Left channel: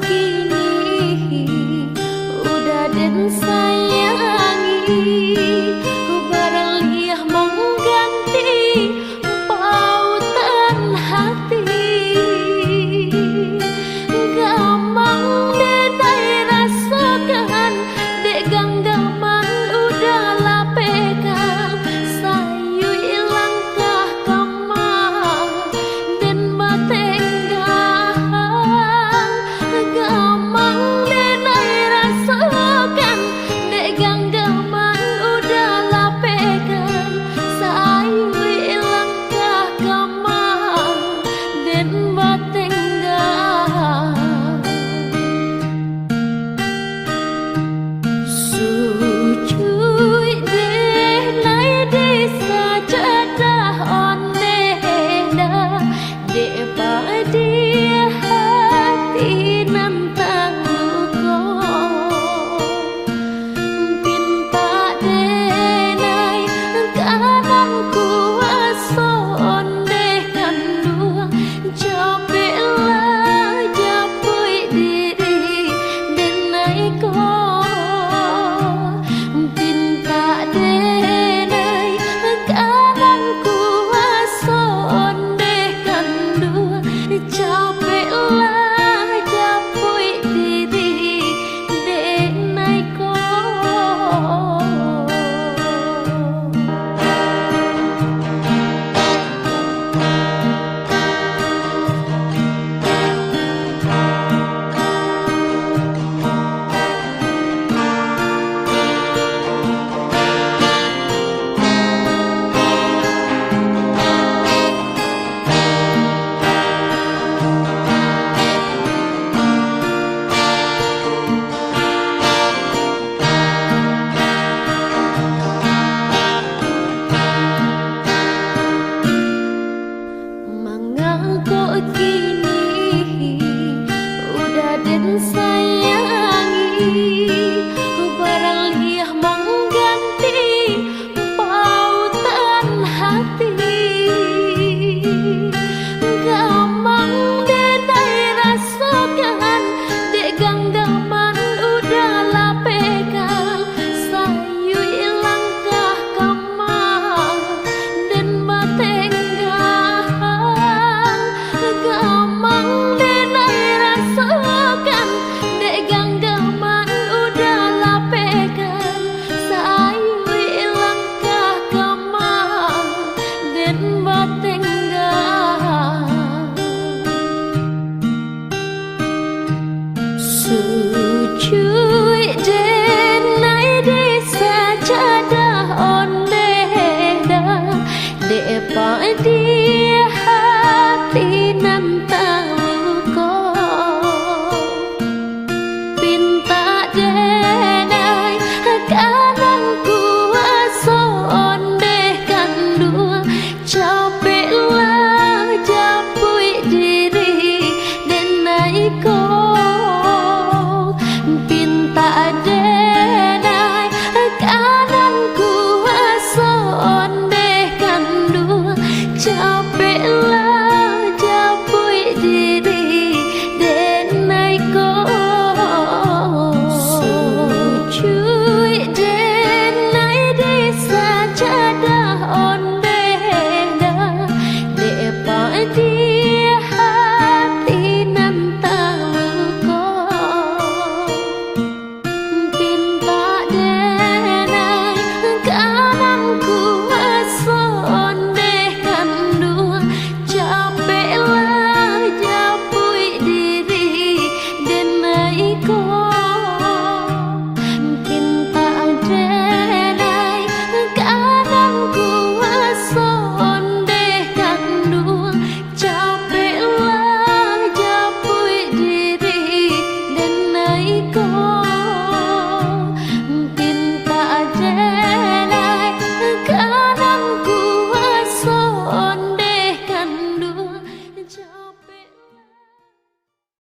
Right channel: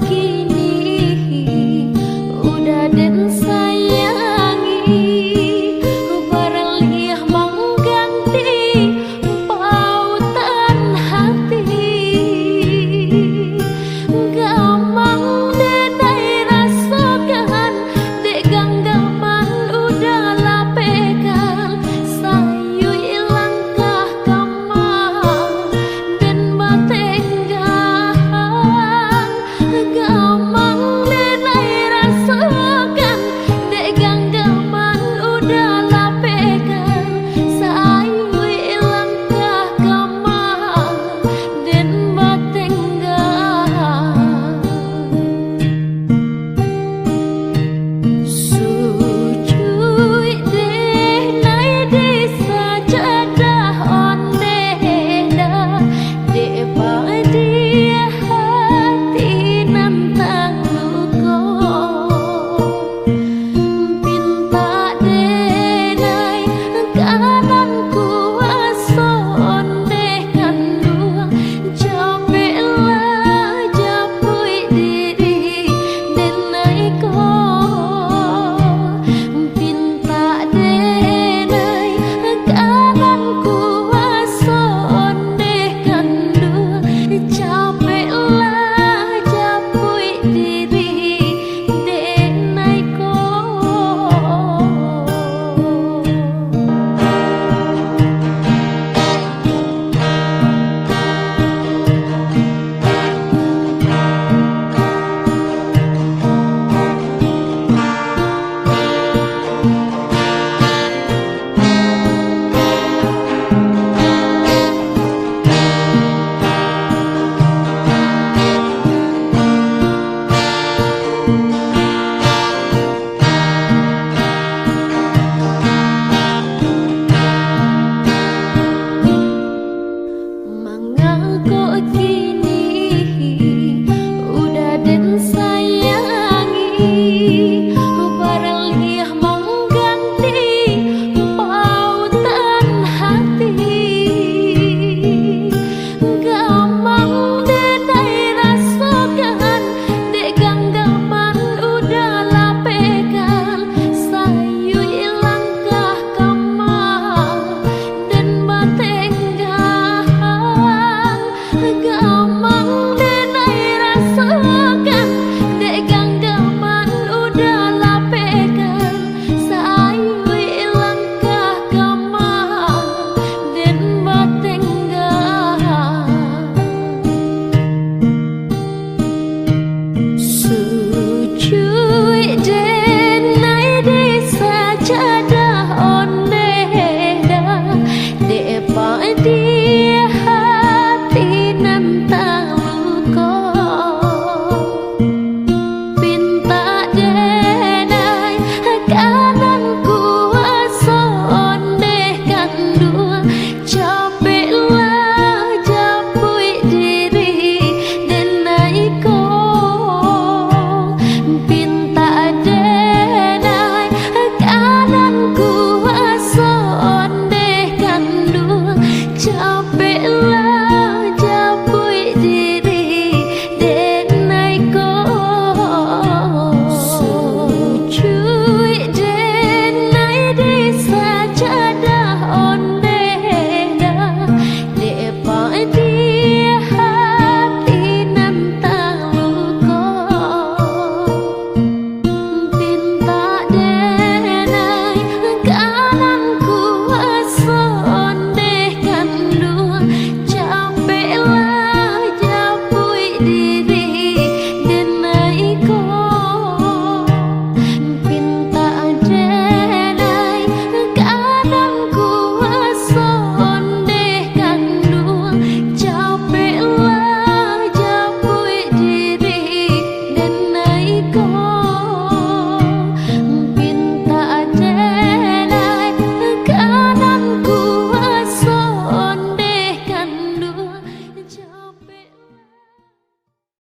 kini udah den sayangi, barang liah mengganti pautan hati. Gamang denai rasakan, dek ganggaman udah lapekan, sayu ilangkah kamar dan batenggang. Gamang denai rasakan, dek ganggaman udah lapekan, sayu ilangkah kamar dan batenggang. Sujui deh nai desa jadah oneh dah, dek dia hati nantang luko. Pinta denai kanan kuasa ondeh kandung, capeklah japui diri denai ko. Pinta denai kanan kuasa ondeh kandung, capeklah japui diri denai ko. Mengaku kini udah den sayangi, barang liah mengganti pautan hati. Gamang denai rasakan, dek ganggaman udah lapekan, sayu ilangkah kamar dan batenggang. Gamang denai rasakan, dek ganggaman udah lapekan, sayu ilangkah kamar dan batenggang. Sujud